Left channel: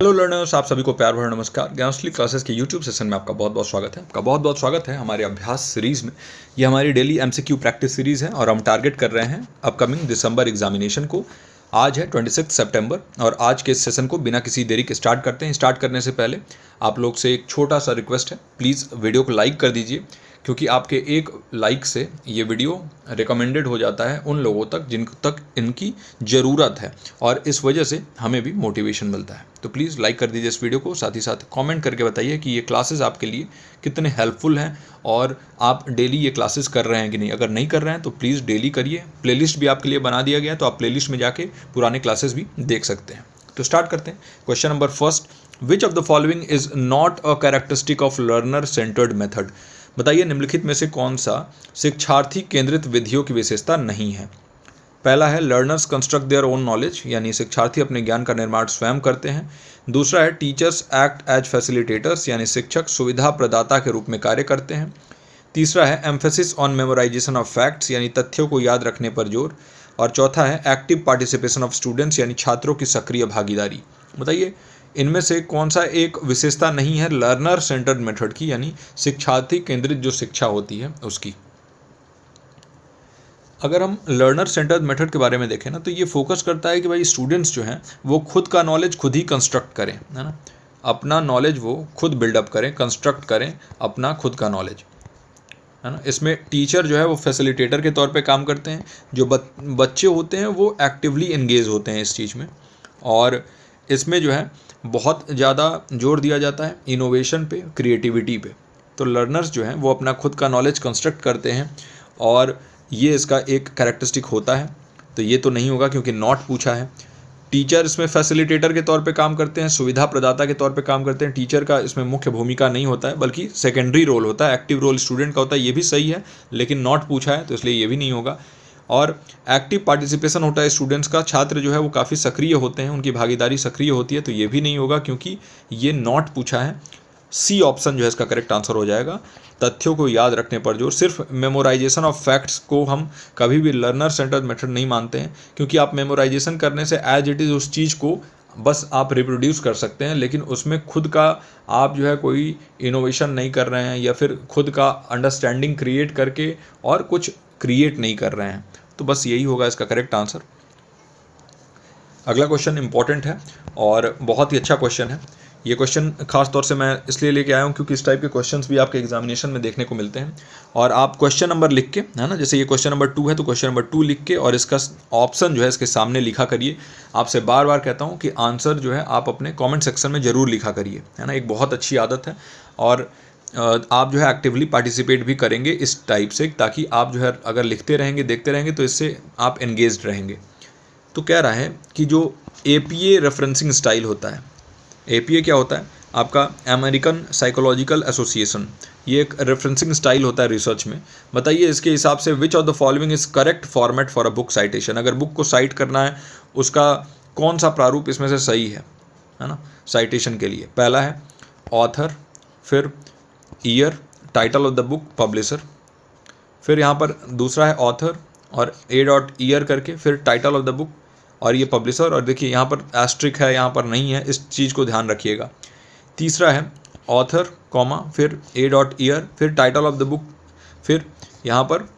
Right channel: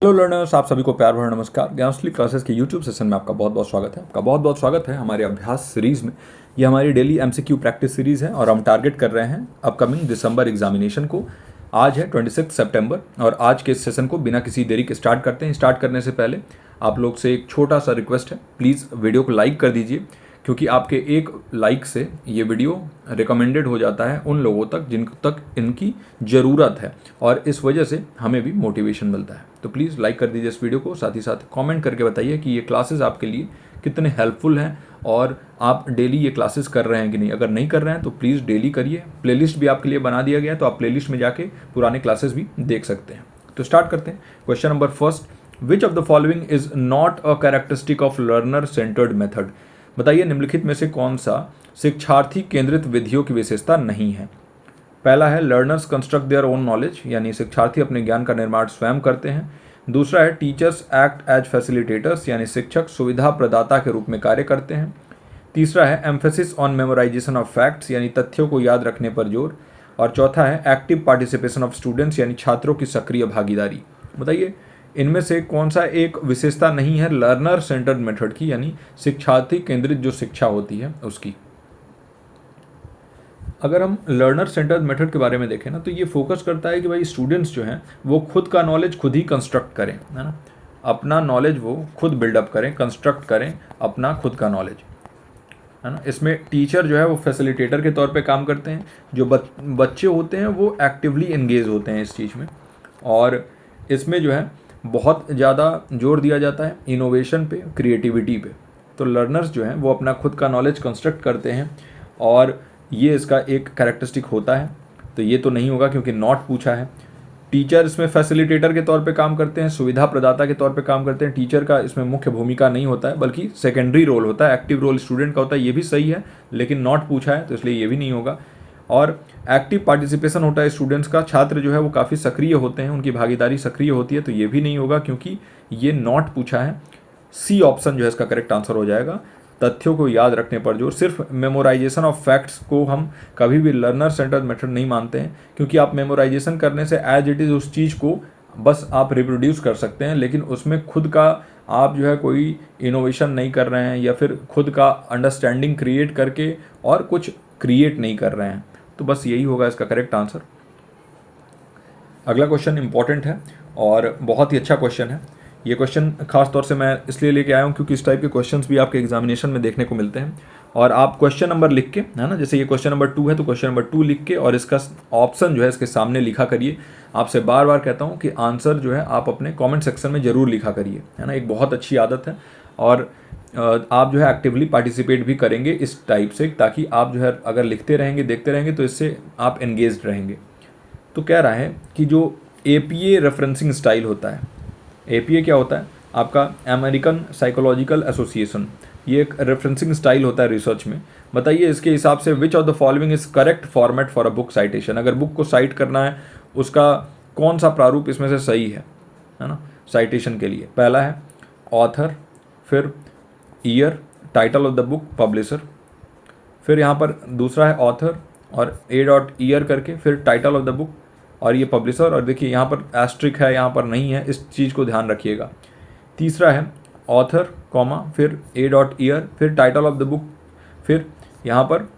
Hello learners, आप सभी को प्यार भरा नमस्कार। ज्ञानश्री क्लासेस के यूट्यूब सेशन में आपका बहुत बहुत स्वागत है। आपका बहुत बहुत स्वागत है हमारे अभ्यास सीरीज़ में। ये हमारी डेली एमसीक्यू प्रैक्टिस सीरीज़ है और हम टारगेट कर रहे हैं अपकमिंग दिसंबर एग्जामिनेशन को। आज है 26 सितंबर और आज के इस सेशन को बिना किसी देरी के स्टार्ट करते हैं। स्टार्ट करने से पहले आप लोग से एक छोटा सा रिक्वेस्ट है, प्लीज़ वीडियो को लाइक कर दीजिए, क्योंकि आपके एक लाइक से ये वीडियो रिकमेंडेड हो जाता है उन लोगों तक जिन तक इनकी ज़रूरत है और इस वजह से हमें भी मोटिवेशन मिलता है। तो प्लीज़ लाइक कर दीजिए इस वीडियो को। साथ ही साथ कमेंट करके बताइए कि ये क्लासेस आपके लिए कितने हेल्पफुल हैं और आप डेली ये क्लासेस कर रहे हैं कि नहीं। अगर नहीं कर रहे हैं तो प्लीज़ डेली करिए। प्लेलिस्ट भी आपके लिए बना दिया गया है, तो आप प्लेलिस्ट में जाके पुराने क्लासेस भी देख सकते हैं। तो स्टार्ट करते हैं। Question number first, which of the following is not a characteristic of learner centred method. बताइए निम्नलिखित में से कौन सा शिक्षार्थी केंद्रित विधियों की विशेषता नहीं है। पहला है learners construct their own knowledge, यानी शिक्षार्थी अपने ज्ञान का निर्माण स्वयं करते हैं। दूसरा है टीचर्स एक्ट एज फैसिलिटेटर्स, यानी शिक्षक सुविधा प्रदाता के रूप में कार्य करते हैं। तीसरा है emphasis on memorisation of facts, यानी तथ्यों को याद रखने पर जोर। और चौथा है एक्टिव पार्टिसिपेशन ऑफ स्टूडेंट्स, यानी छात्रों की सक्रिय भागीदारी। बताइए इनमें से कौन सा एक विशेषता नहीं है लर्नर सेंटर्ड मेथड की, यानी शिक्षार्थी केंद्रित जो शिक्षा होती है उसकी। अगर हम लर्नर सेंटर्ड मेथड के बारे में देखें ना, तो ये फोकस करता है कि भाई स्टूडेंट्स जो हैं वो खुद का नॉलेज खुद ही कंस्ट्रक्ट करें, है ना। अपना नॉलेज वो खुद बिल्डअप करें, कंस्ट्रक्ट करें अपना खुद का नॉलेज, है ना। इसमें टीचर जो है वो फैसिलिटेटर के तौर पे काम करते हैं। जो बच्चे होते हैं वो एक्टिवली एंगेज होते हैं इस चीज़ में। और इसमें जो है बहुत ज़्यादा जोर दिया जाता है इनोवेशन पे, क्रिएटिविटी पे। तो लर्नर्स जो हैं वो अपना खुद का नॉलेज कंस्ट्रक्ट करते हैं और ये इसका एक कैरेक्टरिस्टिक होता है। तो ये तो नहीं होगा क्योंकि नॉट पूछा है। टीचर इसमें फैसिलिटेटर के तौर पे काम करते हैं, सुविधा प्रदाता के तौर पे काम करते हैं। टीचर का इसमें मुख्य भूमिका नहीं होता है, बल्कि सेकेंडरी रोल होता है, एक्टिव रोल स्टूडेंट का होता है। ये भी सही है, लेकिन नॉट पूछा है तो इसलिए ये भी नहीं होगा। और एक्टिव पार्टिसिपेशन होता है स्टूडेंट्स का, छात्र जो है वो काफ़ी सक्रिय होते हैं, उनकी भागीदारी सक्रिय होती है, तो ये भी नहीं होगा क्योंकि ये नॉट पूछा है। सी ऑप्शन जो है इसका करेक्ट आंसर हो जाएगा। तथ्यों को याद रखने पर जोर। सिर्फ मेमोराइजेशन ऑफ फैक्ट्स को हम कभी भी लर्नर सेंटर्ड मेथड नहीं मानते हैं, क्योंकि आप मेमोराइजेशन करने से एज इट इज़ उस चीज़ को बस आप रिप्रोड्यूस कर सकते हैं, लेकिन उसमें खुद का आप जो है कोई इनोवेशन नहीं कर रहे हैं या फिर खुद का अंडरस्टैंडिंग क्रिएट करके और कुछ क्रिएट नहीं कर रहे हैं। तो बस यही होगा इसका करेक्ट आंसर। अगला क्वेश्चन इंपॉर्टेंट है और बहुत ही अच्छा क्वेश्चन है। ये क्वेश्चन खास तौर से मैं इसलिए लेके आया हूँ क्योंकि इस टाइप के क्वेश्चंस भी आपके एग्जामिनेशन में देखने को मिलते हैं। और आप क्वेश्चन नंबर लिख के, है ना, जैसे ये क्वेश्चन नंबर 2 है तो क्वेश्चन नंबर 2 लिख के और इसका ऑप्शन जो है इसके सामने लिखा करिए। आपसे बार बार कहता हूँ कि आंसर जो है आप अपने कॉमेंट सेक्शन में ज़रूर लिखा करिए, है ना। एक बहुत अच्छी आदत है और आप जो है एक्टिवली पार्टिसिपेट भी करेंगे इस टाइप से, ताकि आप जो है अगर लिखते रहेंगे, देखते रहेंगे, तो इससे आप एंगेज्ड रहेंगे। तो कह रहा है कि जो APA रेफरेंसिंग स्टाइल होता है, APA क्या होता है आपका, अमेरिकन साइकोलॉजिकल एसोसिएशन, ये एक रेफरेंसिंग स्टाइल होता है रिसर्च में। बताइए इसके हिसाब से विच of the following is correct format for a book citation. अगर बुक को साइट करना है उसका कौन सा प्रारूप इसमें से सही है ना, साइटेशन के लिए। पहला है ऑथर, फिर year, title of the book, publisher, फिर यहाँ पर दूसरा है ऑथर और A.ईयर करके, फिर टाइटल ऑफ द बुक और ये पब्लिशर। और देखिए यहाँ पर एस्ट्रिक है, यहाँ पर नहीं है, इस चीज़ को ध्यान रखिएगा। तीसरा है ऑथर कॉमा, फिर A.ईयर, फिर टाइटल ऑफ द बुक, फिर यहाँ पर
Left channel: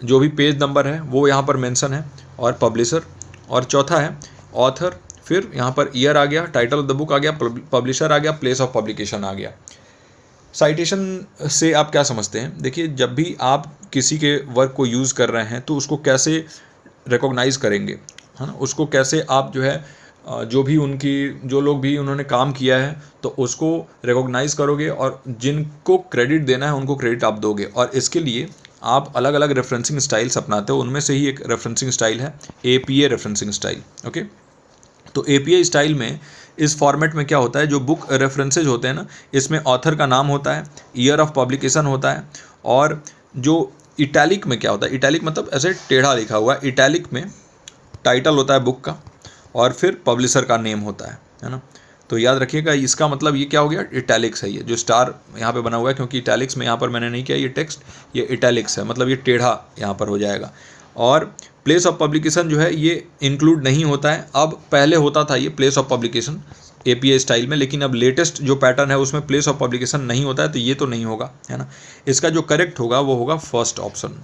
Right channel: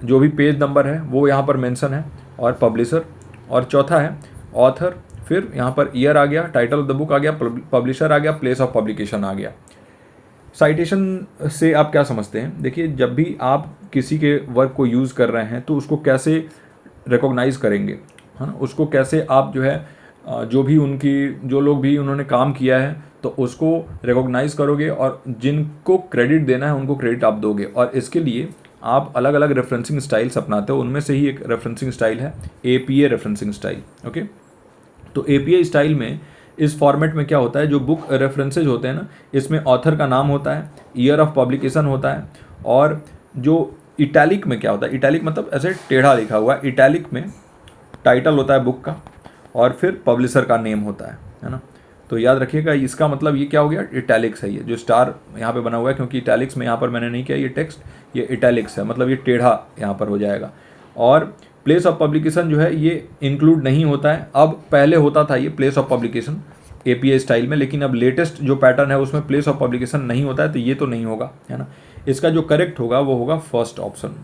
जो भी पेज नंबर है वो यहाँ पर मेंशन है और पब्लिशर। और चौथा है ऑथर, फिर यहाँ पर ईयर आ गया, टाइटल ऑफ द बुक आ गया, पब्लिशर आ गया, प्लेस ऑफ पब्लिकेशन आ गया। साइटेशन से आप क्या समझते हैं? देखिए जब भी आप किसी के वर्क को यूज़ कर रहे हैं तो उसको कैसे रिकॉग्नाइज़ करेंगे, है ना। उसको कैसे आप जो है जो लोग भी उन्होंने काम किया है तो उसको रिकॉग्नाइज़ करोगे और जिनको क्रेडिट देना है उनको क्रेडिट आप दोगे। और इसके लिए आप अलग अलग रेफरेंसिंग स्टाइल्स अपनाते हो, उनमें से ही एक रेफरेंसिंग स्टाइल है APA रेफरेंसिंग स्टाइल। ओके, तो APA स्टाइल में इस फॉर्मेट में क्या होता है, जो बुक रेफरेंसेज होते हैं ना, इसमें ऑथर का नाम होता है, ईयर ऑफ पब्लिकेशन होता है, और जो इटैलिक में क्या होता है, इटैलिक मतलब ऐसे टेढ़ा लिखा हुआ, इटैलिक में टाइटल होता है बुक का और फिर पब्लिशर का नेम होता है ना। तो याद रखिएगा इसका मतलब ये क्या हो गया, इटैलिक्स है। ये जो स्टार यहाँ पे बना हुआ है क्योंकि इटैलिक्स में यहाँ पर मैंने नहीं किया ये टेक्स्ट, ये इटैलिक्स है, मतलब ये टेढ़ा यहाँ पर हो जाएगा। और प्लेस ऑफ पब्लिकेशन जो है ये इंक्लूड नहीं होता है, अब पहले होता था ये place of publication, APA style में, लेकिन अब लेटेस्ट जो पैटर्न है उसमें प्लेस ऑफ पब्लिकेशन नहीं होता है, तो ये तो नहीं होगा, है ना। इसका जो करेक्ट होगा वो होगा फर्स्ट ऑप्शन,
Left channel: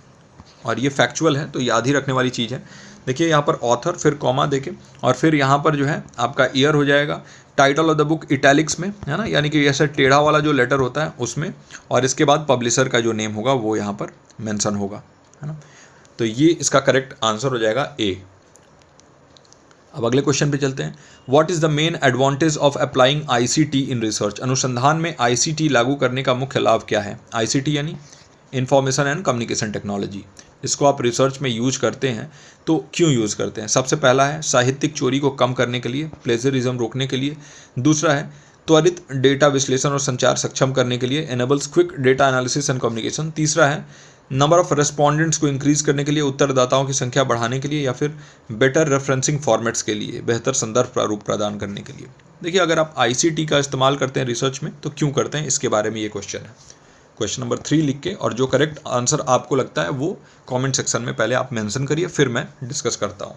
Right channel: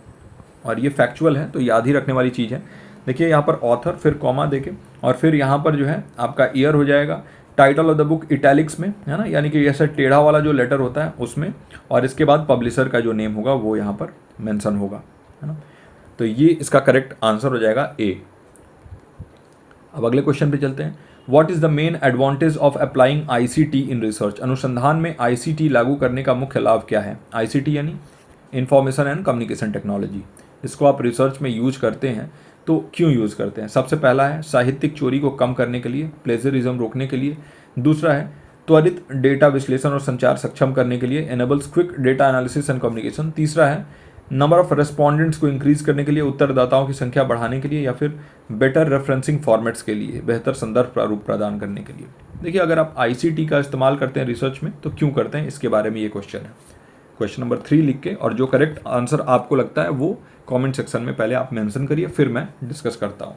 और ये फैक्चुअल है तो याद ही रखने वाली चीज़ है। देखिए यहाँ पर ऑथर, फिर कॉमा देके, और फिर यहाँ पर जो है आपका ईयर हो जाएगा, title of the book italics में, है ना, यानी कि ऐसे टेढ़ा वाला जो लेटर होता है उसमें, और इसके बाद पब्लिशर का जो नेम होगा वो यहाँ पर मेंशन होगा, है ना। तो ये इसका करेक्ट आंसर हो जाएगा ए। अब अगले क्वेश्चन पे चलते हैं। What is the main advantage of applying ICT in research? अनुसंधान में ICT लागू करने का मुख्य लाभ क्या है? ICT यानी इंफॉर्मेशन एंड कम्युनिकेशन टेक्नोलॉजी। इसको आप रिसर्च में यूज करते हैं तो क्यों यूज़ करते हैं? सबसे पहला है साहित्यिक चोरी को कम करने के लिए, प्लेजरिज्म रोकने के लिए। दूसरा है त्वरित डेटा विश्लेषण और संचार सक्षम करने के लिए, enables quick data analysis and communication. तीसरा है नंबर ऑफ रेस्पोंडेंट्स को इंक्रीज करने के लिए, उत्तरदाताओं की संख्या बढ़ाने के लिए, या फिर बेटर रेफरेंसिंग फॉर्मेट्स के लिए, बेहतर संदर्भ प्रारूप प्रदान करने के लिए। देखिए अगर आप ICT का इस्तेमाल करते हैं रिसर्च में तो क्यों करते हैं, इसके बारे में ये क्वेश्चन है। क्वेश्चन नंबर 3 लिख के, और जो करेक्ट आंसर आपको लगता है वो कमेंट सेक्शन में पहले आप मेंशन करिए, फिर मैं डिस्कस करता हूँ।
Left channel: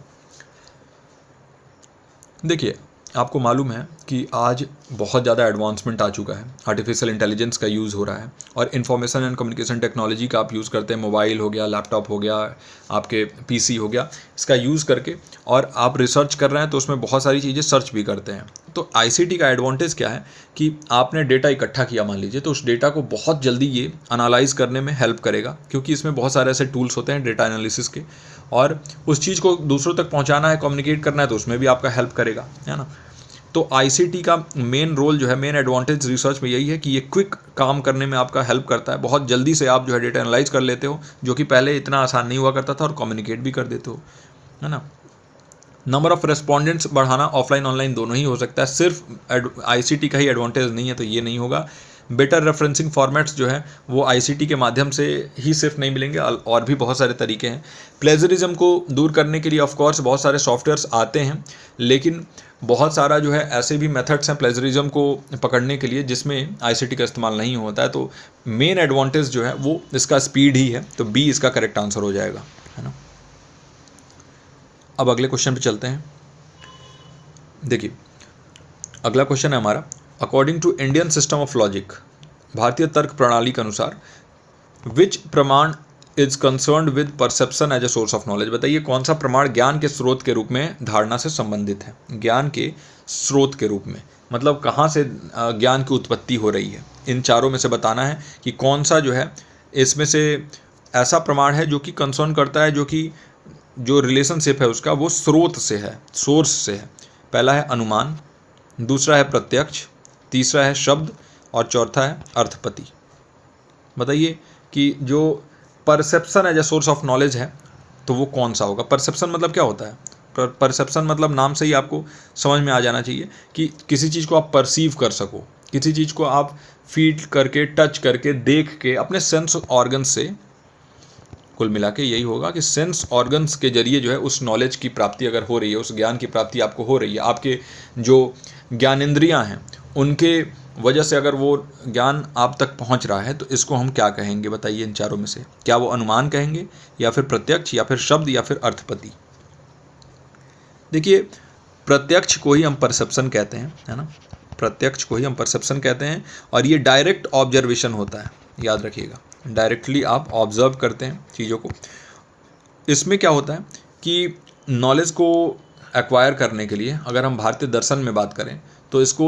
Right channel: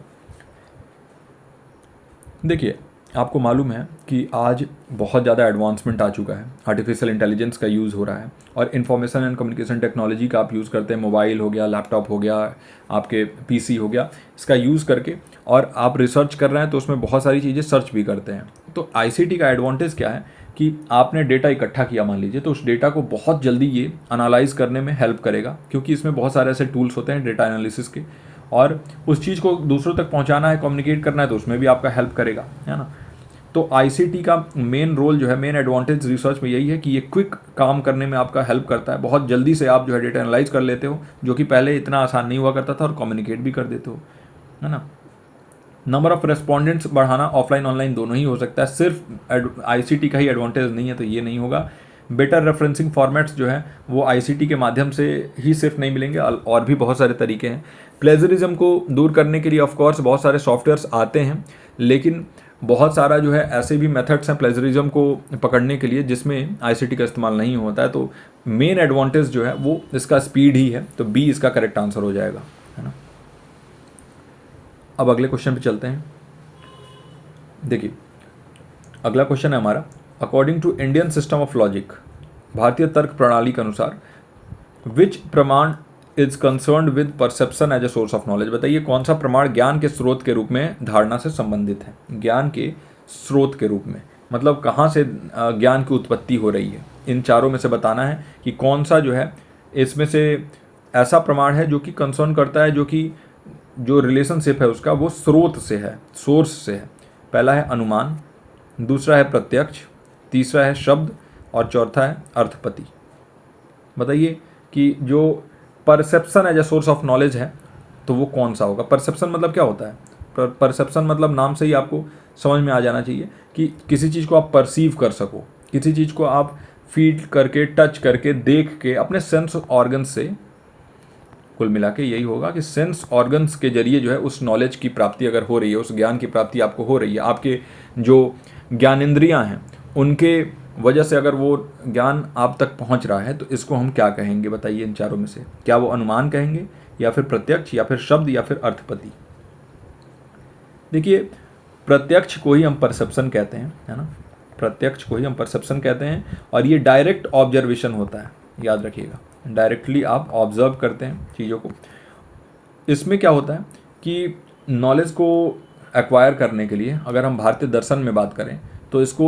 देखिए आपको मालूम है कि आज बहुत ज़्यादा एडवांसमेंट आ चुका है, आर्टिफिशियल इंटेलिजेंस का यूज़ हो रहा है, और इन्फॉर्मेशन एंड कम्युनिकेशन टेक्नोलॉजी का आप यूज़ करते हैं, मोबाइल हो गया, लैपटॉप हो गया, आपके PC हो गया, इसका यूज़ करके और आप रिसर्च कर रहे हैं तो उसमें बहुत सारी चीज़ें सर्च भी करते हैं। तो ICT का एडवांटेज क्या है कि आपने डेटा इकट्ठा किया मान लीजिए, तो उस डेटा को बहुत जल्दी ये एनालाइज करने में हेल्प करेगा, क्योंकि इसमें बहुत सारे ऐसे टूल्स होते हैं डेटा एनालिसिस के, और उस चीज़ को दूसरों तक पहुंचाना है, कम्युनिकेट करना है, तो उसमें भी आपका हेल्प करेगा, है ना। तो ICT का मेन रोल जो है, मेन एडवांटेज रिसर्च में यही है कि ये क्विक काम करने में आपका हेल्प करता है, बहुत जल्दी से आप जो है डेटा एनालाइज कर लेते हो, जो कि पहले इतना आसान नहीं हुआ करता था, और कम्युनिकेट भी कर देते हो, है ना। नंबर ऑफ रेस्पोंडेंट्स बढ़ाना ऑफलाइन ऑनलाइन दोनों ही हो सकता है, सिर्फ ICT का ही एडवांटेज नहीं है, तो ये नहीं होगा। बेटर रेफरेंसिंग फॉर्मेट्स जो है वो ICT के माध्यम से ही सिर्फ नहीं मिलेंगे, और भी बहुत सारे तरीके हैं। प्लेजरिज्म को दूर करने के लिए ऑफ कोर्स बहुत सारे सॉफ्टवेयर्स आते हैं, लेकिन बहुत सारा जो है ऐसे भी मेथड्स हैं प्लेजरिज्म को पकड़ने के लिए जिसमें ICT का इस्तेमाल नहीं होता है। तो मेन एडवांटेज जो है वो इसका स्पीड ही है, तो B इसका करेक्ट आंसर हो जाएगा, है ना। अब अगले क्वेश्चन पे चलते हैं। देखिए अगला क्वेश्चन है हमारा, according to Indian system of logic, भारतीय तर्क प्रणाली के अनुसार, which pramana is concerned with perception as a source of knowledge? बताइए कौन सा प्रमाण ज्ञान के स्रोत के रूप में धारणा से संबंधित है? ज्ञान के स्रोत के रूप में मतलब कहाँ से ज्ञान की उत्पत्ति हो रही है, इन चारों में से बताना है कि कौन सा जो है इसमें से ऐसा प्रमाण है जो कि कंसर्न करता है, जो कि जो रिलेशनशिप है उसका वो स्रोत से है, सोर्स से है। पहला है अनुमान, दूसरा है प्रत्यक्ष, तीसरा है शब्द, और चौथा है अर्थपति। बताइए कि जो perception as a source of knowledge है तो वो कौन सा होगा? परसेप्शन मतलब क्या होता है? परसेप्शन मतलब नाम से ही आपको समझ में आ जाना चाहिए कि किसी चीज़ को आप परसीव कर सको, किसी चीज़ को आप फील करके, टच करके, देख के, अपने सेंस ऑर्गन से, कुल मिला के यही होगा कि सेंस ऑर्गन्स के जरिए जो है उस नॉलेज की प्राप्ति अगर हो रही है, उस ज्ञान की प्राप्ति आपको हो रही है, आपके जो ज्ञानेंद्रियां हैं उनके वजह से अगर वो ज्ञान आप तक पहुंच रहा है, तो इसको हम क्या कहेंगे? बताइए इन चारों में से, क्या वो अनुमान कहेंगे, या फिर प्रत्यक्ष, या फिर शब्द, या फिर अर्थपति? देखिए प्रत्यक्ष को ही हम परसेप्शन कहते हैं, है ना, प्रत्यक्ष को ही हम परसेप्शन कहते हैं, और ये डायरेक्ट ऑब्जर्वेशन होता है, याद रखिएगा, डायरेक्टली आप ऑब्जर्व करते हैं चीज़ों को। इसमें क्या होता है कि नॉलेज को एक्वायर करने के लिए अगर हम भारतीय दर्शन में बात करें तो इसको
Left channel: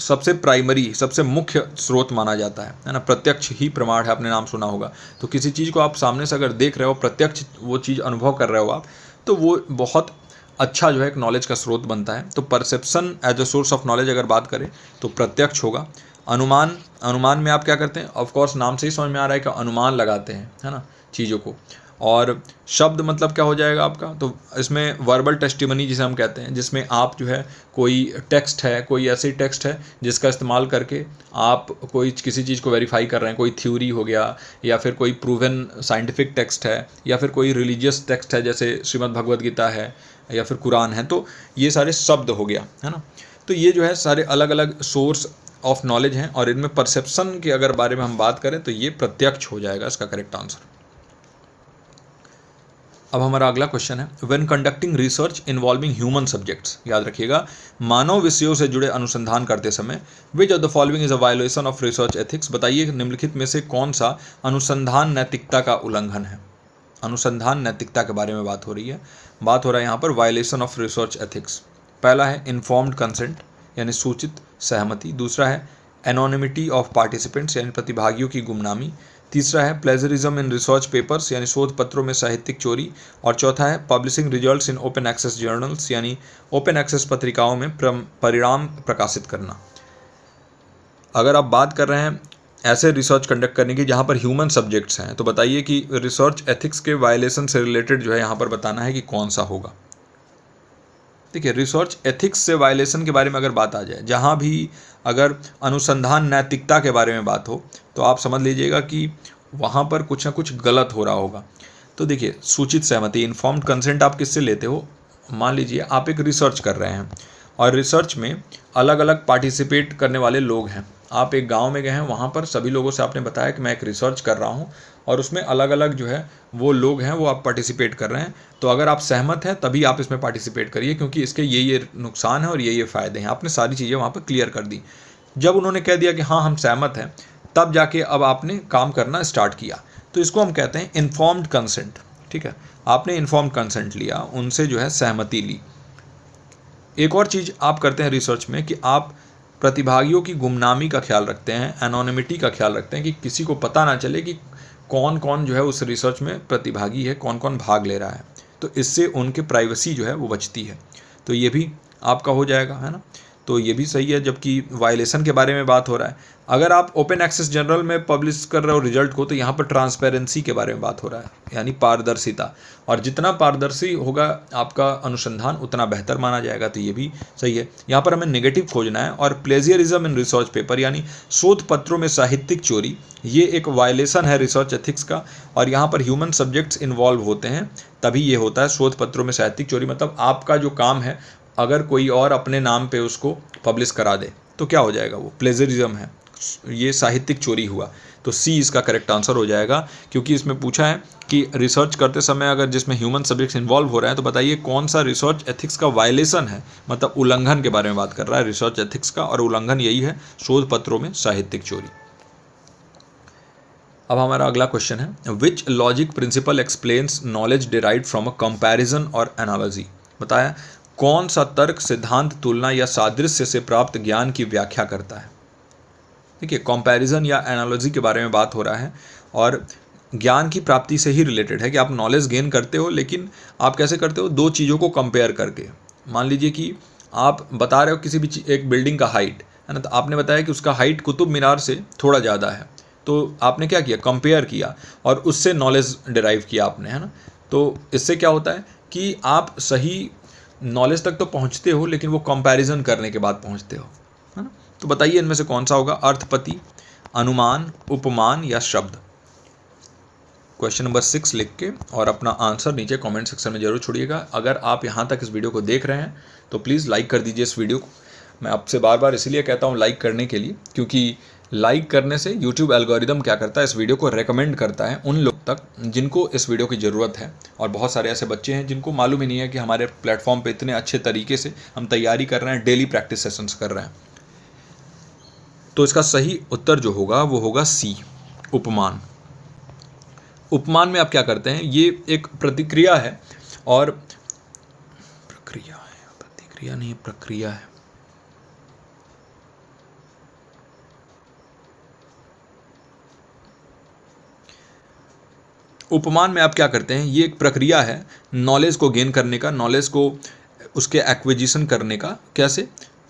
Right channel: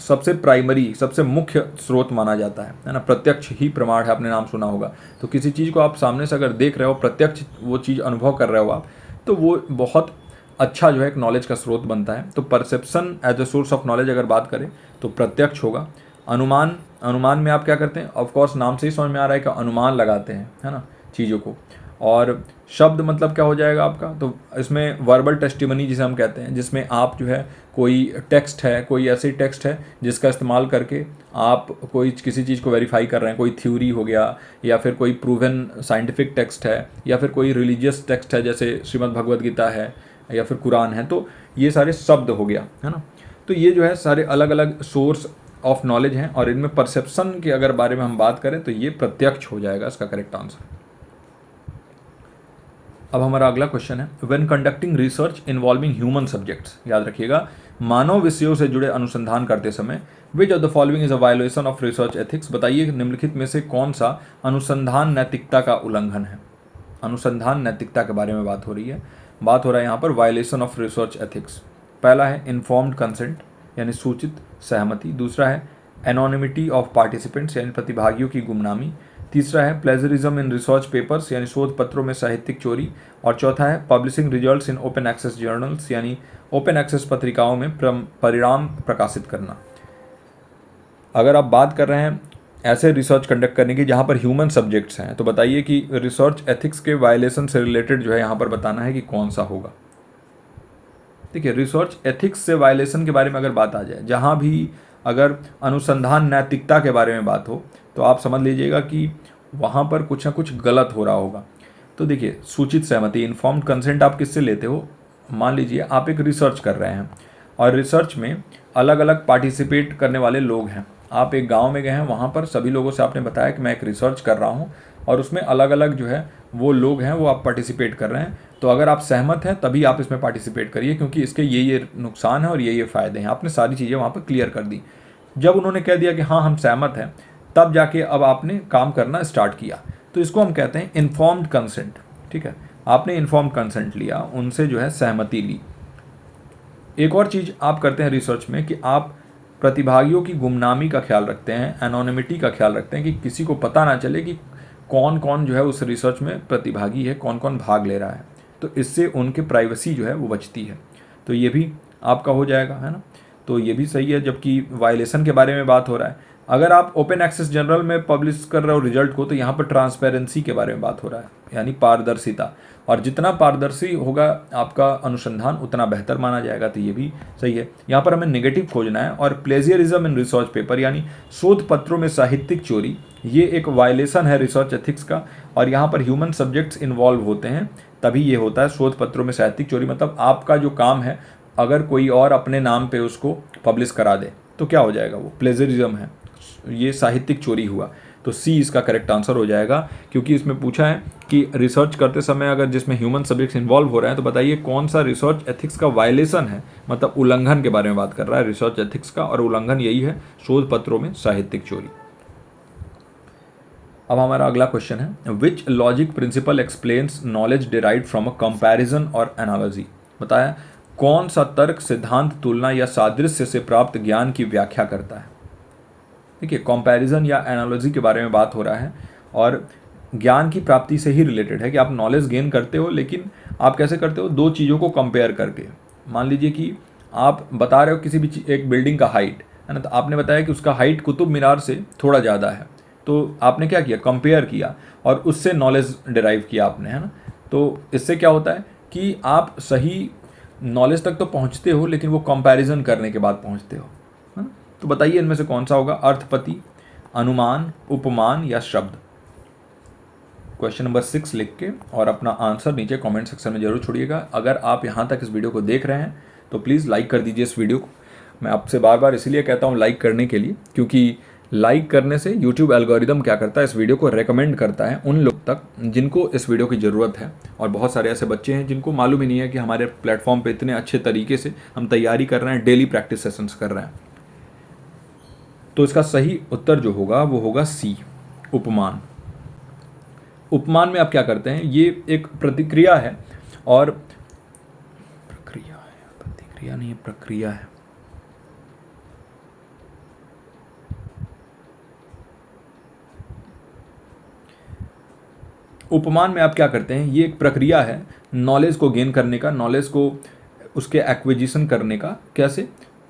सबसे प्राइमरी, सबसे मुख्य स्रोत माना जाता है ना। प्रत्यक्ष ही प्रमाण है, आपने नाम सुना होगा। तो किसी चीज़ को आप सामने से अगर देख रहे हो, प्रत्यक्ष वो चीज़ अनुभव कर रहे हो आप, तो वो बहुत अच्छा जो है एक नॉलेज का स्रोत बनता है। तो perception as a source of knowledge अगर बात करें तो प्रत्यक्ष होगा। अनुमान में आप क्या करते हैं? ऑफ कोर्स नाम से ही समझ में आ रहा है कि अनुमान लगाते हैं, है ना, चीज़ों को। और शब्द मतलब क्या हो जाएगा आपका? तो इसमें वर्बल टेस्टिमनी जिसे हम कहते हैं, जिसमें आप जो है कोई टेक्स्ट है, कोई ऐसी टेक्स्ट है जिसका इस्तेमाल करके आप कोई किसी चीज़ को वेरीफाई कर रहे हैं, कोई थ्योरी हो गया, या फिर कोई प्रूवन साइंटिफिक टेक्स्ट है, या फिर कोई रिलीजियस टेक्स्ट है जैसे श्रीमद् भगवद गीता है या फिर कुरान है। तो ये सारे शब्द हो गया, है ना। तो ये जो है सारे अलग अलग सोर्स ऑफ नॉलेज हैं, और इनमें परसेप्शन के अगर बारे में हम बात करें तो ये प्रत्यक्ष हो जाएगा इसका करेक्ट आंसर। अब हमारा अगला क्वेश्चन है, when conducting research involving human subjects, याद रखिएगा मानव विषयों से जुड़े अनुसंधान करते समय, विच of the following is a violation of research ethics, बताइए निम्नलिखित में से कौन सा अनुसंधान नैतिकता का उल्लंघन है। अनुसंधान नैतिकता के बारे में बात हो रही है, बात हो रहा है यहाँ पर वायोलेशन ऑफ रिसर्च एथिक्स। पहला है इन्फॉर्म्ड कंसेंट यानी सूचित सहमति, दूसरा है एनोनिमिटी ऑफ पार्टिसिपेंट्स यानी प्रतिभागियों की गुमनामी, तीसरा है प्लेजरिज्म इन रिसर्च पेपर्स यानी शोध पत्रों में साहित्यिक चोरी, और चौथा है publishing results in open access journals यानी ओपन एक्सेस पत्रिकाओं में परिणाम प्रकाशित करना। अगर आप बात कर रहे हैं ऐसे रिसर्च कंडक्ट करने की जहाँ पर ह्यूमन सब्जेक्ट्स हैं, तो बताइए कि रिसर्च एथिक्स के वायलेशन से रिलेटेड जो है यहाँ पर बताना है कि कौन सा होगा। देखिए, रिसर्च एथिक्स से वायलेशन के बारे में अगर बात आ जाए, जहाँ भी अगर अनुसंधान नैतिकता के बारे में बात हो, तो आप समझ लीजिएगा कि वहाँ पर कुछ ना कुछ गलत हो रहा होगा। तो देखिए, सूचित सहमति इन्फॉर्म्ड कंसेंट आप किससे लेते हो। मान लीजिए आप एक रिसर्च कर रहे हैं और रिसर्च में अलग अलग पार्टिसिपेट करने वाले लोग हैं। आप एक गांव में गए हैं, वहाँ पर सभी लोगों से आपने बताया कि मैं एक रिसर्च कर रहा हूँ और उसमें अलग अलग जो है वो लोग हैं, वो आप पार्टिसिपेट कर रहे हैं। तो अगर आप सहमत हैं तभी आप इसमें पार्टिसिपेट करिए, क्योंकि इसके ये नुकसान है और ये फ़ायदे हैं। आपने सारी चीज़ें वहाँ पर क्लियर कर दी। जब उन्होंने कह दिया कि हाँ हम सहमत हैं, तब जाके अब आपने काम करना स्टार्ट किया। तो इसको हम कहते हैं इन्फॉर्म्ड कंसेंट। ठीक है, आपने इन्फॉर्म्ड कंसेंट लिया, उनसे जो है सहमति ली। एक और चीज़ आप करते हैं रिसर्च में कि आप प्रतिभागियों की गुमनामी का ख्याल रखते हैं, एनोनिमिटी का ख्याल रखते हैं, कि किसी को पता ना चले कि कौन कौन जो है उस रिसर्च में प्रतिभागी है, कौन कौन भाग ले रहा है। तो इससे उनके प्राइवेसी जो है वो बचती है। तो ये भी आपका हो जाएगा, है ना। तो ये भी सही है। जबकि वायलेशन के बारे में बात हो रहा है, अगर आप ओपन एक्सेस जर्नल में पब्लिश कर रहे हो रिजल्ट को, तो यहाँ पर ट्रांसपेरेंसी के बारे में बात हो रहा है, यानी पारदर्शिता। और जितना पारदर्शी होगा आपका अनुसंधान, उतना बेहतर माना जाएगा। तो ये भी सही है। यहाँ पर हमें नेगेटिव खोजना है। और प्लेजियरिज्म इन रिसर्च पेपर यानी शोध पत्रों में साहित्यिक चोरी, ये एक वायलेशन है रिसर्च एथिक्स का। और यहाँ पर ह्यूमन सब्जेक्ट्स इन्वॉल्व होते हैं, तभी ये होता है शोध पत्रों में साहित्यिक चोरी। मतलब आपका जो काम है, अगर कोई और अपने नाम पे उसको पब्लिश करा दे तो क्या हो जाएगा, वो प्लेजरिज्म है, ये साहित्यिक चोरी हुआ। तो सी इसका करेक्ट आंसर हो जाएगा। क्योंकि इसमें पूछा है कि रिसर्च करते समय अगर जिसमें ह्यूमन सब्जेक्ट्स इन्वॉल्व हो रहे हैं, तो बताइए कौन सा रिसर्च एथिक्स का वायलेशन है, मतलब उल्लंघन के बारे में बात कर रहा है रिसर्च एथिक्स का। और उल्लंघन यही है, शोध पत्रों में साहित्यिक चोरी। अब हमारा अगला क्वेश्चन है, which logic principle explains knowledge derived from a comparison और एनालॉजी। बताया कौन सा तर्क, सिद्धांत, तुलना या सादृश्य से प्राप्त ज्ञान की व्याख्या करता है। देखिए, कंपैरिजन या एनालॉजी के बारे में बात हो रहा है और ज्ञान की प्राप्ति से ही रिलेटेड है कि आप नॉलेज गेन करते हो, लेकिन आप कैसे करते हो, दो चीज़ों को कंपेयर करके। मान लीजिए कि आप बता रहे हो किसी भी एक बिल्डिंग का हाइट, है ना, तो आपने बताया कि उसका हाइट कुतुब मीनार से थोड़ा ज़्यादा है। तो आपने क्या किया, कंपेयर किया और उससे नॉलेज डिराइव किया आपने, है ना। तो इससे क्या होता है कि आप सही नॉलेज तक तो पहुँचते हो, लेकिन वो कंपैरिजन करने के बाद पहुँचते हो, है ना। तो बताइए इनमें से कौन सा होगा, अर्थपति, अनुमान, उपमान या शब्द। क्वेश्चन नंबर 6 लिख के और अपना आंसर नीचे कमेंट सेक्शन में जरूर छोड़िएगा। अगर आप यहाँ तक इस वीडियो को देख रहे हैं तो प्लीज़ लाइक कर दीजिए इस वीडियो को। मैं आपसे बार बार इसीलिए कहता हूँ लाइक करने के लिए, क्योंकि लाइक करने से यूट्यूब एल्गोरिदम क्या करता है, इस वीडियो को रेकमेंड करता है उन लोग तक जिनको इस वीडियो की ज़रूरत है। और बहुत सारे ऐसे बच्चे हैं जिनको मालूम ही नहीं है कि हमारे प्लेटफॉर्म पर इतने अच्छे तरीके से हम तैयारी कर रहे हैं, डेली प्रैक्टिस सेशंस कर रहे हैं। तो इसका सही उत्तर जो होगा वो होगा सी, उपमान। उपमान में आप क्या करते हैं, ये एक प्रतिक्रिया है और प्रतिक्रिया नहीं, प्रक्रिया है। उपमान में आप क्या करते हैं, ये एक प्रक्रिया है नॉलेज को गेन करने का, नॉलेज को उसके एक्विजिशन करने का। कैसे,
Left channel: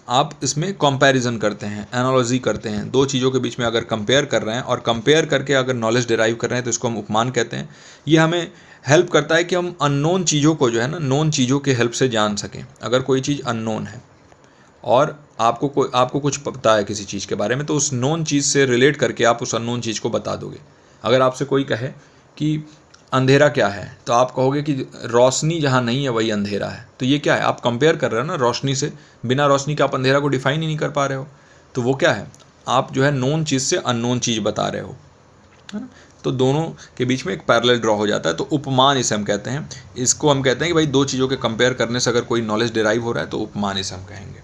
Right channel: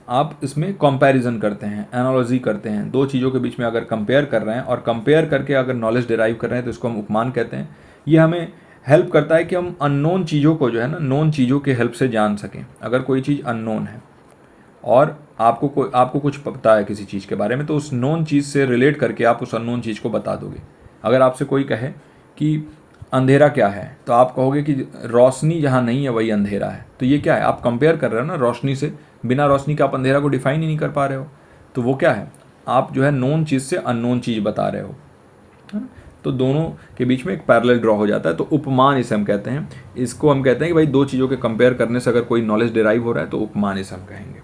आप इसमें कंपैरिजन करते हैं, एनालॉजी करते हैं, दो चीज़ों के बीच में अगर कंपेयर कर रहे हैं और कंपेयर करके अगर नॉलेज डिराइव कर रहे हैं, तो इसको हम उपमान कहते हैं। ये हमें हेल्प करता है कि हम अननोन चीज़ों को जो है ना, नोन चीज़ों के हेल्प से जान सकें। अगर कोई चीज़ अननोन है और आपको कुछ पता है किसी चीज़ के बारे में, तो उस नोन चीज़ से रिलेट करके आप उस अननोन चीज़ को बता दोगे। अगर आपसे कोई कहे कि अंधेरा क्या है, तो आप कहोगे कि रोशनी जहाँ नहीं है वही अंधेरा है। तो ये क्या है, आप कंपेयर कर रहे हो ना रोशनी से। बिना रोशनी के आप अंधेरा को डिफाइन ही नहीं कर पा रहे हो। तो वो क्या है, आप जो है नोन चीज़ से अननोन चीज़ बता रहे हो। तो दोनों के बीच में एक पैरेलल ड्रॉ हो जाता है, तो उपमान इसे हम कहते हैं। इसको हम कहते हैं कि भाई दो चीज़ों के कंपेयर करने से अगर कोई नॉलेज डिराइव हो रहा है तो उपमान इसे हम कहेंगे।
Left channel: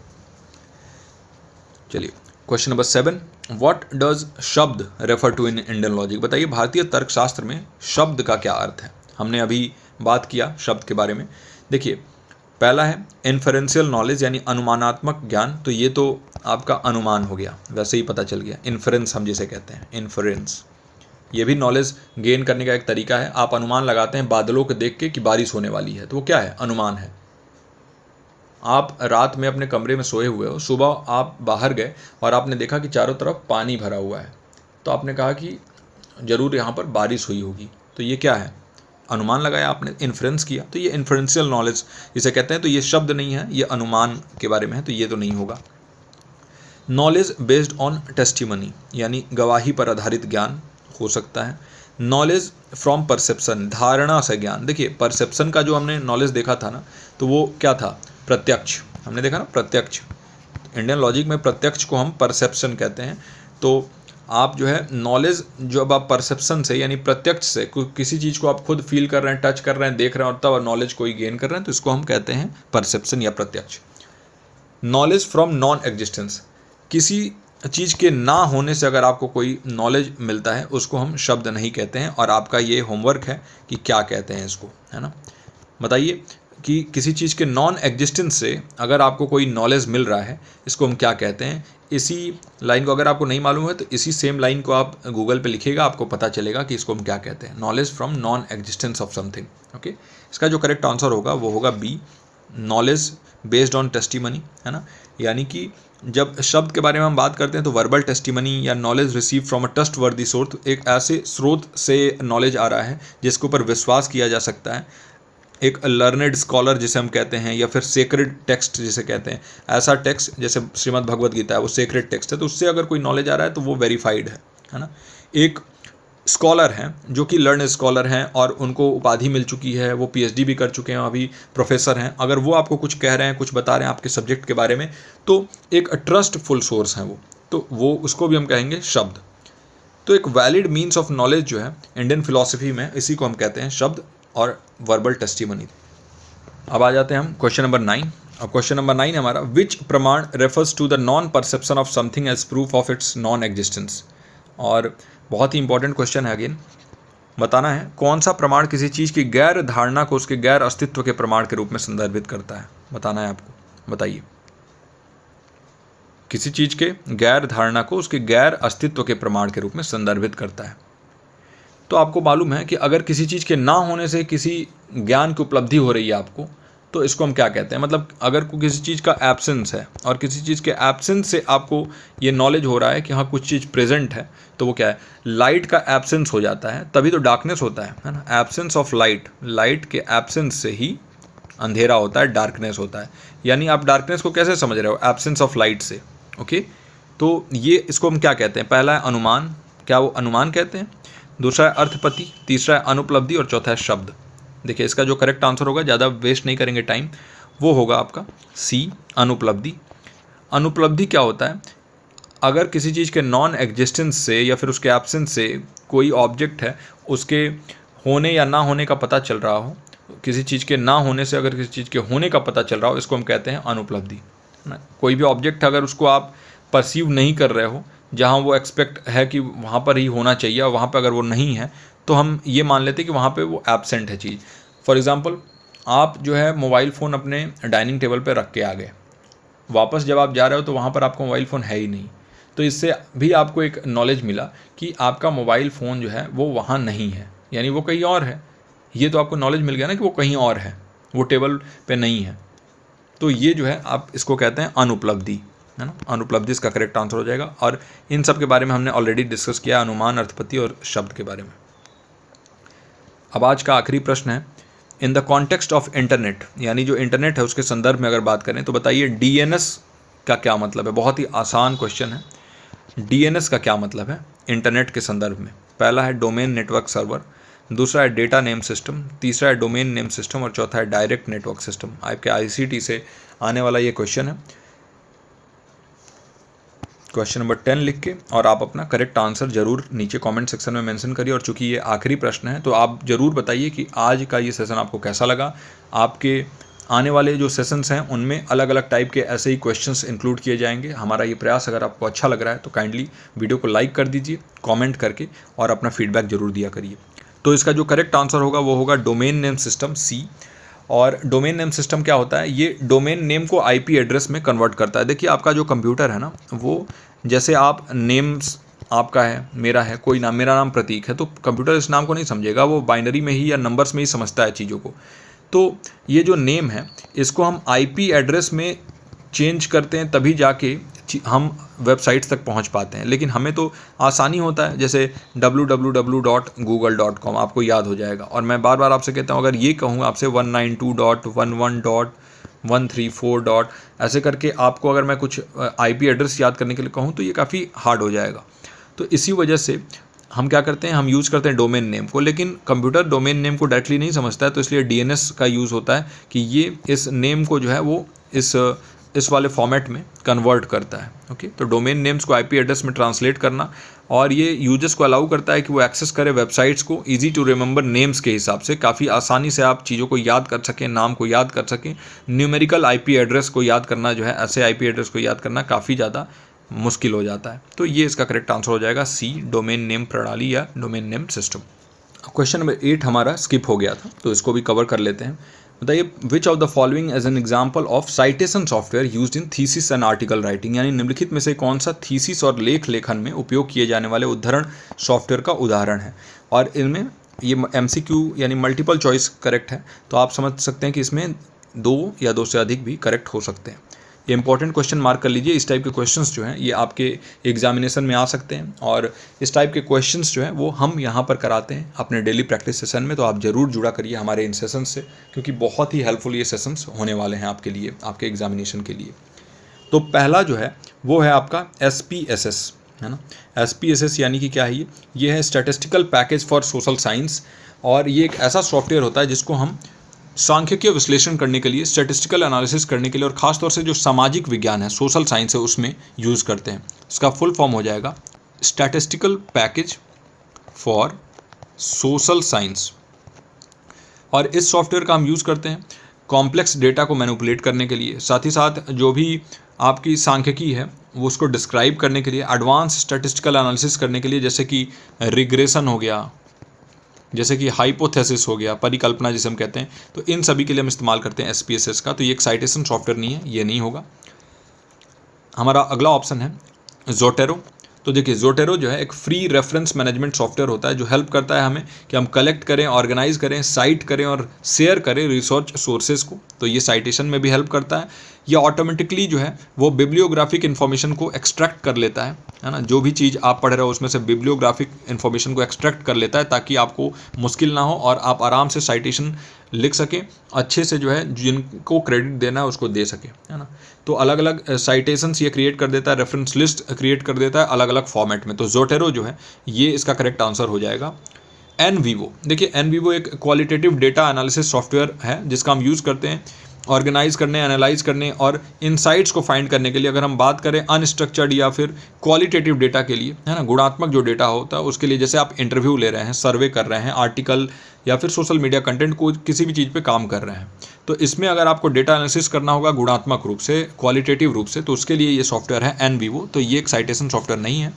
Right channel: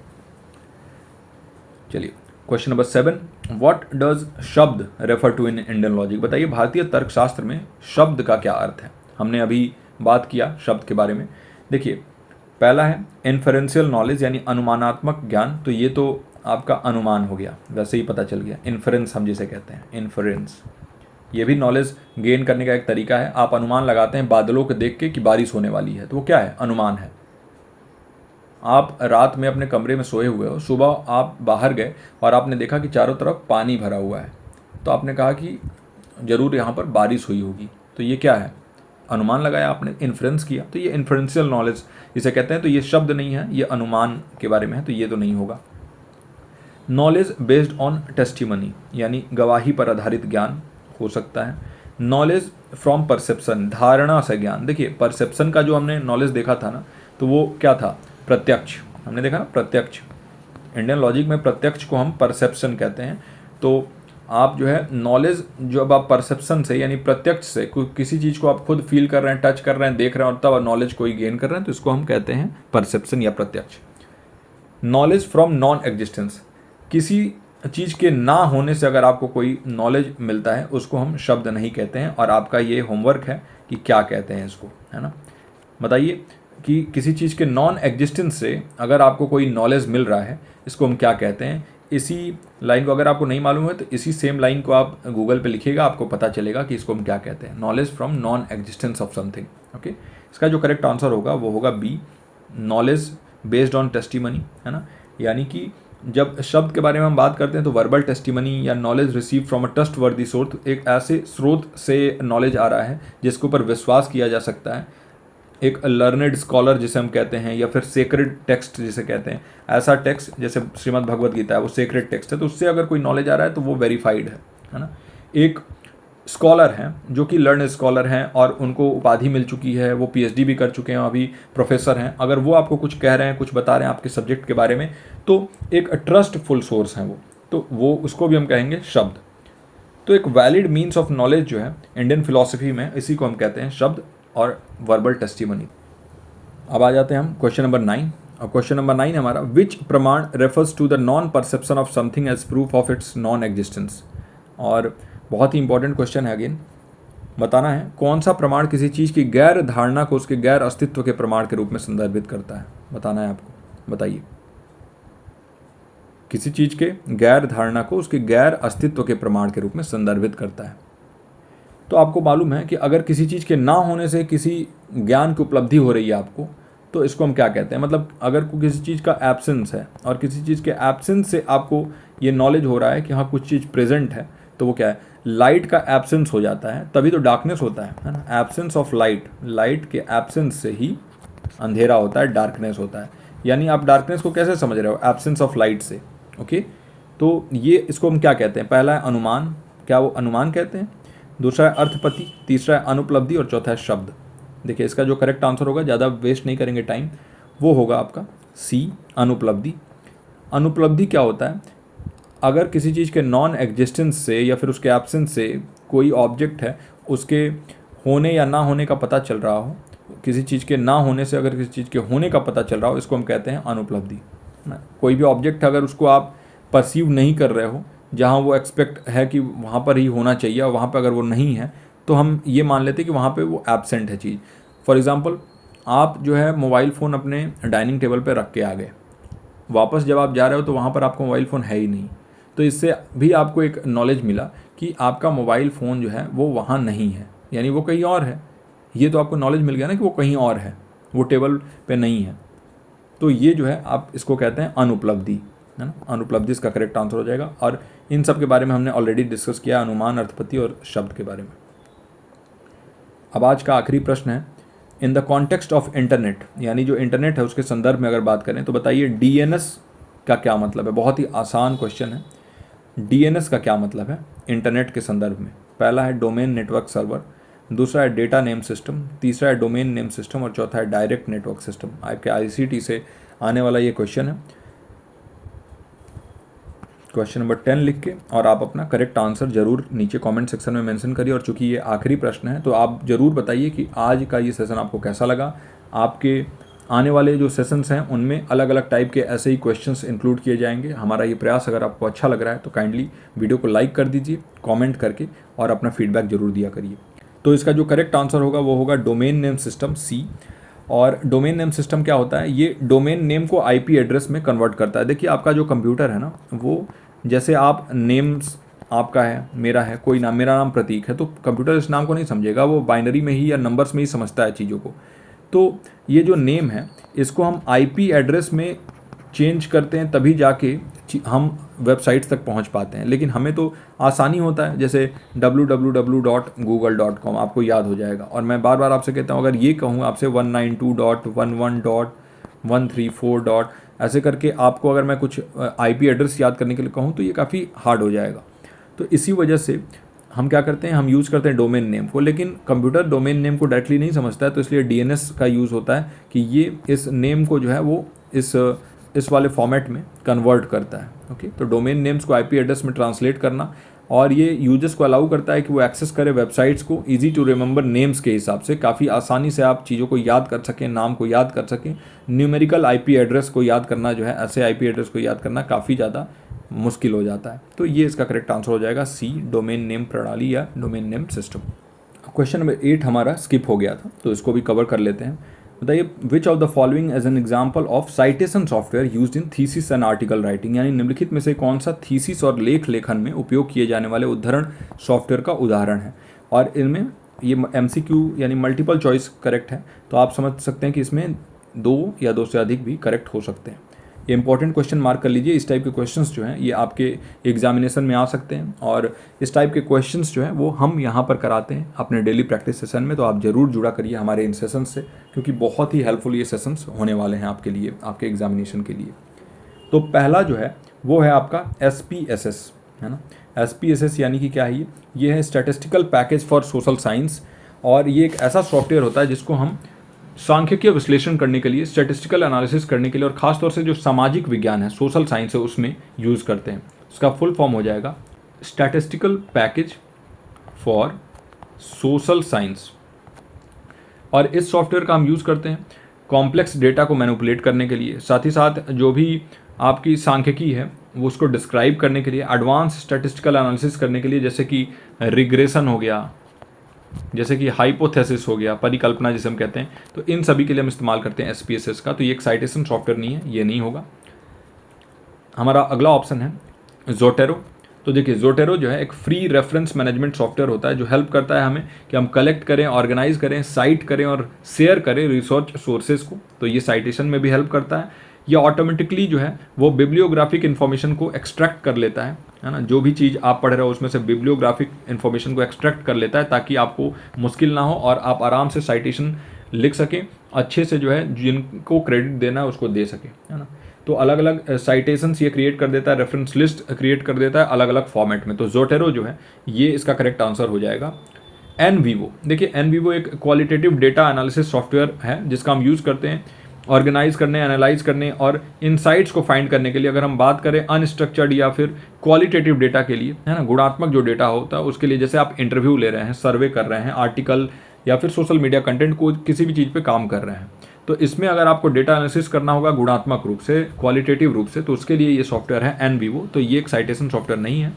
चलिए question number 7, what does shabda refer to in Indian logic? बताइए भारतीय तर्कशास्त्र में शब्द का क्या अर्थ है? हमने अभी बात किया शब्द के बारे में। देखिए पहला है इन्फरेंशियल नॉलेज यानी अनुमानात्मक ज्ञान, तो ये तो आपका अनुमान हो गया, वैसे ही पता चल गया। इन्फरेंस हम जिसे कहते हैं, इन्फरेंस ये भी नॉलेज गेन करने का एक तरीका है। आप अनुमान लगाते हैं बादलों को देख के कि बारिश होने वाली है, तो वो क्या है? अनुमान है। आप रात में अपने कमरे में सोए हुए हो, सुबह आप बाहर गए और आपने देखा कि चारों तरफ पानी भरा हुआ है, तो आपने कहा कि ज़रूर यहाँ पर बारिश हुई होगी, तो ये क्या है? अनुमान लगाया आपने, इन्फ्रेंस किया, तो ये इन्फ्रेंशियल नॉलेज इसे कहते हैं। तो ये शब्द नहीं है, ये अनुमान के बारे में है, तो ये तो नहीं होगा। नॉलेज बेस्ड ऑन टेस्टिमनी यानी गवाही पर आधारित ज्ञान हो सकता है। नॉलेज फ्रॉम परसेप्शन, धारणा से ज्ञान। देखिए परसेप्शन का जो हमने नॉलेज देखा था ना, तो वो क्या था? प्रत्यक्ष। हमने देखा ना प्रत्यक्ष, इंडियन लॉजिक में प्रत्यक्ष को हम परसेप्शन कहते हैं। तो आप जो है नॉलेज जब आप परसेप्शन से यानी प्रत्यक्ष से किसी चीज़ को आप खुद फील कर रहे हैं, टच कर रहे हैं, देख रहे हैं और तब नॉलेज कोई गेन कर रहे हैं, तो इसको हम कहते हैं परसेप्शन या प्रत्यक्ष। नॉलेज फ्रॉम नॉन एग्जिस्टेंस, किसी चीज़ के ना होने से अगर आपको कोई नॉलेज मिलता है उसको हम शब्द नहीं कहते हैं, और आपका ये होमवर्क है कि क्या कहते हैं इसको, है ना? बताइए कि किसी चीज़ के नॉन एग्जिस्टेंस से अगर आपको कोई नॉलेज मिल रहा है, इसको हम क्या कहते हैं? इसी लाइन को अगर आपको नहीं मालूम है तो इसी सेम लाइन को आप गूगल पे लिखिएगा, आपको पता चलेगा कि इसको हम क्या कहते हैं। Knowledge from non existence of something. Okay, इसका जो करेक्ट आंसर होगा वो होगा B, knowledge based on testimony, है ना? यानी कि जब शब्द के बारे में हम बात करते हैं तो वर्बल टेस्टिमनी या knowledge receive from a trustworthy source, एक ऐसे स्रोत से नॉलेज आ रहा है जिसके ऊपर विश्वास किया जा सकता है। एक लर्नेड स्कॉलर जिसे हम कहते हैं, या फिर सेक्रेड टेक्स्ट जिसे कहते हैं, ऐसा टेक्स्ट जैसे श्रीमद् भगवद गीता है वो सेक्रेड टेक्स्ट है, तो उससे अगर कोई नॉलेज आ रहा है तो वो वेरीफाइड है ना? एक स्कॉलर हैं जो कि लर्न स्कॉलर हैं और उनको उपाधि मिल चुकी है, वो पीएचडी भी कर चुके हैं, अभी प्रोफेसर हैं, अगर वो आपको कुछ कह रहे हैं, कुछ बता रहे हैं आपके सब्जेक्ट के बारे में, तो एक ट्रस्टफुल सोर्स हैं वो, तो वो उसको भी हम कहेंगे शब्द। तो एक वैलिड मीन्स ऑफ नॉलेज जो है इंडियन फिलॉसफी में, इसी को हम कहते हैं शब्द और वर्बल टेस्टिमनी। अब आ जाते हैं हम क्वेश्चन नंबर 9। और क्वेश्चन नंबर 9 हमारा, which pramana refers to the non perception of something as proof of its non existence? और बहुत ही इंपॉर्टेंट क्वेश्चन है, अगेन बताना है कौन सा प्रमाण किसी चीज़ की गैर धारणा को उसके गैर अस्तित्व के प्रमाण के रूप में संदर्भित करता है, बताना है आपको। बताइए, किसी चीज़ के गैर धारणा को उसके गैर अस्तित्व के प्रमाण के रूप में संदर्भित करता है। तो आपको मालूम है कि अगर किसी चीज़ के ना होने से किसी ज्ञान की उपलब्धि हो रही है आपको, तो इसको हम क्या कहते हैं? मतलब अगर किसी चीज़ का एब्सेंस है और किसी चीज़ के एब्सेंस से आपको ये नॉलेज हो रहा है कि हाँ कुछ चीज़ प्रेजेंट है, तो वो क्या है? लाइट का एब्सेंस हो जाता है तभी तो डार्कनेस होता है ना? एब्सेंस ऑफ लाइट, लाइट के एब्सेंस से ही अंधेरा होता है, डार्कनेस होता है। यानी आप डार्कनेस को कैसे समझ रहे हो? एब्सेंस ऑफ लाइट से। ओके, तो ये इसको हम क्या कहते हैं? पहला है अनुमान, क्या वो अनुमान कहते हैं? दूसरा है अर्थपति, तीसरा है अनुपलब्धि और चौथा है शब्द। देखिए इसका जो करेक्ट आंसर होगा, ज़्यादा वेस्ट नहीं करेंगे टाइम, वो होगा आपका सी, अनुपलब्धि। अनुपलब्धि क्या होता है? अगर किसी चीज़ के नॉन एग्जिस्टेंस से या फिर उसके एब्सेंस से कोई ऑब्जेक्ट है, उसके होने या ना होने का पता चल रहा हो, किसी चीज़ के ना होने से अगर किसी चीज़ के होने का पता चल रहा हो, इसको हम कहते हैं अनुपलब्धि। कोई भी ऑब्जेक्ट अगर उसको आप परसीव नहीं कर रहे हो, जहाँ वो एक्सपेक्ट है कि वहाँ पर ही होना चाहिए और वहाँ पर अगर वो नहीं है, तो हम ये मान लेते हैं कि वहाँ पे वो एब्सेंट है चीज़। फॉर एग्ज़ाम्पल, आप जो है मोबाइल फ़ोन अपने डाइनिंग टेबल पे रख के आ गए, वापस जब आप जा रहे हो तो वहाँ पर आपका मोबाइल फ़ोन है ही नहीं, तो इससे भी आपको एक नॉलेज मिला कि आपका मोबाइल फ़ोन जो है वो वहाँ नहीं है, यानी वो कहीं और है। ये तो आपको नॉलेज मिल गया ना कि वो कहीं और है, वो टेबल पे नहीं है। तो ये जो है आप इसको कहते हैं अनुपलब्धि, है ना? अनुपलब्धि इसका करेक्ट आंसर हो जाएगा। और इन सब के बारे में हमने ऑलरेडी डिस्कस किया, अनुमान, अर्थपति और शब्द के बारे में। अब आज का आखिरी प्रश्न है, in the context of internet, यानी जो इंटरनेट है उसके संदर्भ में अगर बात करें तो बताइए डीएनएस का क्या मतलब है? बहुत ही आसान क्वेश्चन है। डीएनएस का क्या मतलब है इंटरनेट के संदर्भ में? पहला है डोमेन नेटवर्क सर्वर, दूसरा है डेटा नेम सिस्टम, तीसरा है डोमेन नेम सिस्टम और चौथा है डायरेक्ट नेटवर्क सिस्टम। आपके आईसीटी से आने वाला ये क्वेश्चन है। क्वेश्चन नंबर 10 लिख के और आप अपना करेक्ट आंसर जरूर नीचे कमेंट सेक्शन में मेंशन करिए। और चूंकि ये आखिरी प्रश्न है तो आप जरूर बताइए कि आज का ये सेशन आपको कैसा लगा। आपके आने वाले जो सेशंस हैं उनमें अलग अलग टाइप के ऐसे ही क्वेश्चंस इंक्लूड किए जाएंगे। हमारा ये प्रयास अगर आपको अच्छा लग रहा है तो काइंडली वीडियो को लाइक कर दीजिए, कमेंट करके, और अपना फीडबैक जरूर दिया करिए। तो इसका जो करेक्ट आंसर होगा वो होगा डोमेन नेम सिस्टम, सी। और डोमेन नेम सिस्टम क्या होता है? ये डोमेन नेम को आईपी एड्रेस में कन्वर्ट करता है। देखिए आपका जो कंप्यूटर है ना, वो जैसे आप नेम्स आपका है, मेरा है, कोई नाम, मेरा नाम प्रतीक है, तो कंप्यूटर इस नाम को नहीं समझेगा, वो बाइनरी में ही या नंबर्स में ही समझता है चीज़ों को। तो ये जो नेम है इसको हम आईपी एड्रेस में चेंज करते हैं तभी जाके हम वेबसाइट्स तक पहुंच पाते हैं। लेकिन हमें तो आसानी होता है, जैसे www.google.com आपको याद हो जाएगा। और मैं बार बार आपसे कहता हूँ, अगर ये कहूँ आपसे 192.11.134. ऐसे करके आपको अगर मैं कुछ आईपी एड्रेस याद करने के लिए कहूँ तो ये काफ़ी हार्ड हो जाएगा। तो इसी वजह से हम क्या करते हैं, हम यूज़ करते हैं डोमेन नेम को। लेकिन कंप्यूटर डोमेन नेम को डायरेक्टली नहीं समझता है, तो इसलिए डीएनएस का यूज़ होता है कि ये इस नेम को जो है वो इस वाले फॉर्मेट में कन्वर्ट करता है। ओके, तो डोमेन नेम्स को आईपी एड्रेस में ट्रांसलेट करना, और ये यूजर्स को अलाउ करता है कि वो एक्सेस करें वेबसाइट्स को इजी टू रिमेंबर नेम्स के हिसाब से। काफ़ी आसानी से आप चीज़ों को याद कर सकें, नाम को याद कर सकें। न्यूमेरिकल आईपी एड्रेस को याद करना जो है, ऐसे आईपी एड्रेस को याद करना काफ़ी ज़्यादा मुश्किल हो जाता है। तो ये इसका करेक्ट आंसर हो जाएगा सी, डोमेन नेम प्रणाली या domain name system. Question number 8 हमारा स्किप हो गया था, तो इसको भी कवर कर लेते हैं। बताइए, which of the following as an example of citation software used in thesis and article writing, यानी निम्नलिखित में से कौन सा थीसिस और लेख लेखन में उपयोग किए जाने वाले उद्धरण सॉफ्टवेयर का उदाहरण है। और इनमें ये MCQ यानी मल्टीपल चॉइस करेक्ट है, तो आप समझ सकते हैं कि इसमें 2 या 2 से अधिक भी करेक्ट हो सकते हैं। ये इंपॉर्टेंट क्वेश्चन मार्क कर लीजिए। इस टाइप के क्वेश्चंस जो हैं ये आपके एग्जामिनेशन में आ सकते हैं, और इस टाइप के क्वेश्चंस जो हैं वो हम यहाँ पर कराते हैं अपने डेली प्रैक्टिस सेशन में। तो आप ज़रूर जुड़ा करिए हमारे इन सेशंस से, क्योंकि बहुत ही हेल्पफुल ये सेशंस होने वाले हैं आपके लिए, आपके एग्जामिनेशन के लिए। तो पहला जो है वो है आपका SPSS, है ना। SPSS यानी कि क्या है? ये है statistical package for social science, और ये एक ऐसा सॉफ्टवेयर होता है जिसको हम सांख्यिकीय विश्लेषण करने के लिए, स्टैटिस्टिकल एनालिसिस करने के लिए, और ख़ास तौर से जो सामाजिक विज्ञान है, सोशल साइंस है, उसमें यूज़ करते हैं। इसका फुल फॉर्म हो जाएगा statistical package for social science. और इस सॉफ्टवेयर का हम यूज़ करते हैं कॉम्प्लेक्स डेटा को मैनिपुलेट करने के लिए, साथ ही साथ जो भी आपकी सांख्यिकी है वो उसको डिस्क्राइब करने के लिए, एडवांस स्टैटिस्टिकल एनालिसिस करने के लिए, जैसे कि रिग्रेशन हो गया, जैसे कि हाइपोथेसिस हो गया, परिकल्पना जिसे हम कहते हैं। तो इन सभी के लिए हम इस्तेमाल करते हैं SPSS का। तो ये एक साइटेशन सॉफ्टवेयर नहीं है, ये नहीं होगा। हमारा अगला ऑप्शन है ज़ोटेरो। तो देखिए, ज़ोटेरो जो है एक फ्री रेफरेंस मैनेजमेंट सॉफ्टवेयर होता है जो हेल्प करता है हमें कि हम कलेक्ट करें, ऑर्गेनाइज करें, साइट करें और शेयर करें रिसर्च सोर्सेज को। तो ये साइटेशन में भी हेल्प करता है। ये ऑटोमेटिकली जो है वो बिब्लियोग्राफिक इन्फॉर्मेशन को एक्सट्रैक्ट कर लेता है ना। जो भी चीज़ आप पढ़ रहे हो उसमें से बिब्लियोग्राफिक इन्फॉर्मेशन को एक्सट्रैक्ट कर लेता है, ताकि आपको मुश्किल ना हो और आप आराम से साइटेशन लिख सकें, अच्छे से जो है जिनको क्रेडिट देना है उसको दे सकें, है ना। तो अलग अलग साइटेशंस ये क्रिएट कर देता है, रेफरेंस लिस्ट क्रिएट कर देता है अलग अलग फॉर्मेट में। तो ज़ोटेरो जो है ये इसका करेक्ट आंसर हो जाएगा। NVivo, देखिए NVivo एक क्वालिटेटिव डेटा एनालिसिस सॉफ्टवेयर है जिसका हम यूज़ करते हैं ऑर्गेनाइज करने, एनालाइज करने और इनसाइट्स को फाइंड करने के लिए। अगर हम बात करें अनस्ट्रक्चर्ड या फिर क्वालिटेटिव डेटा के लिए, है ना, गुणात्मक जो डेटा होता है उसके लिए, जैसे आप इंटरव्यू ले रहे हैं, सर्वे कर रहे हैं, आर्टिकल या फिर सोशल मीडिया कंटेंट को किसी भी चीज़ पे काम कर रहे हैं, तो इसमें अगर आपको डेटा एनालिसिस करना होगा गुणात्मक रूप से, क्वालिटेटिव रूप से, तो उसके लिए ये सॉफ्टवेयर है NVivo। तो ये एक साइटेशन सॉफ्टवेयर नहीं है।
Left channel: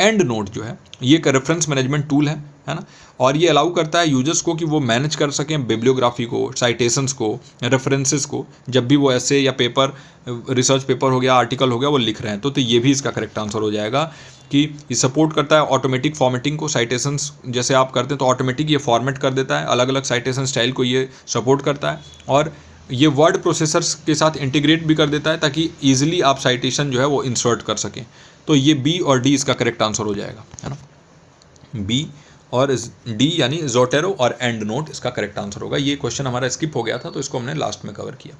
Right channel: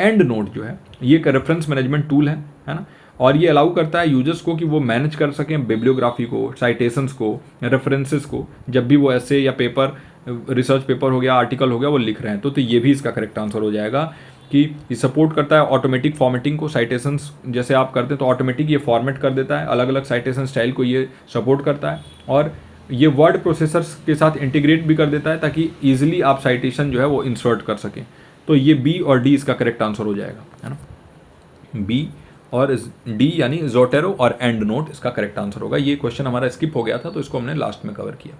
एंड नोट जो है ये एक रेफरेंस मैनेजमेंट टूल है ना, और ये अलाउ करता है यूजर्स को कि वो मैनेज कर सकें बिब्लियोग्राफी को, साइटेशंस को, रेफरेंसेस को, जब भी वो ऐसे या पेपर, रिसर्च पेपर हो गया, आर्टिकल हो गया, वो लिख रहे हैं। तो ये भी इसका करेक्ट आंसर हो जाएगा कि ये सपोर्ट करता है ऑटोमेटिक फॉर्मेटिंग को। साइटेशंस जैसे आप करते हैं तो ऑटोमेटिक ये फॉर्मेट कर देता है, अलग अलग साइटेशन स्टाइल को ये सपोर्ट करता है, और ये वर्ड प्रोसेसर्स के साथ इंटीग्रेट भी कर देता है ताकि ईजिली आप साइटेशन जो है वो इंसर्ट कर सकें। तो ये B और D इसका करेक्ट आंसर हो जाएगा, है ना। B और D यानी ज़ोटेरो और एंड नोट इसका करेक्ट आंसर होगा। ये क्वेश्चन हमारा स्किप हो गया था तो इसको हमने लास्ट में कवर किया।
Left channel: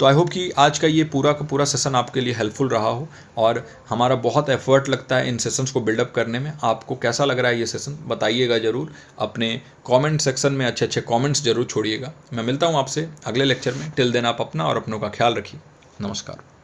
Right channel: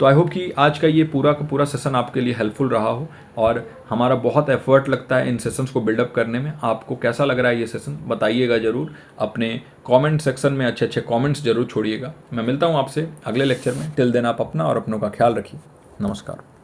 तो आई होप कि आज का ये पूरा का पूरा सेशन आपके लिए हेल्पफुल रहा हो, और हमारा बहुत एफर्ट लगता है इन सेशंस को बिल्डअप करने में। आपको कैसा लग रहा है ये सेशन बताइएगा ज़रूर, अपने कमेंट सेक्शन में अच्छे अच्छे कमेंट्स जरूर छोड़िएगा। मैं मिलता हूँ आपसे अगले लेक्चर में। टिल देन आप अपना और अपनों का ख्याल रखिए। नमस्कार।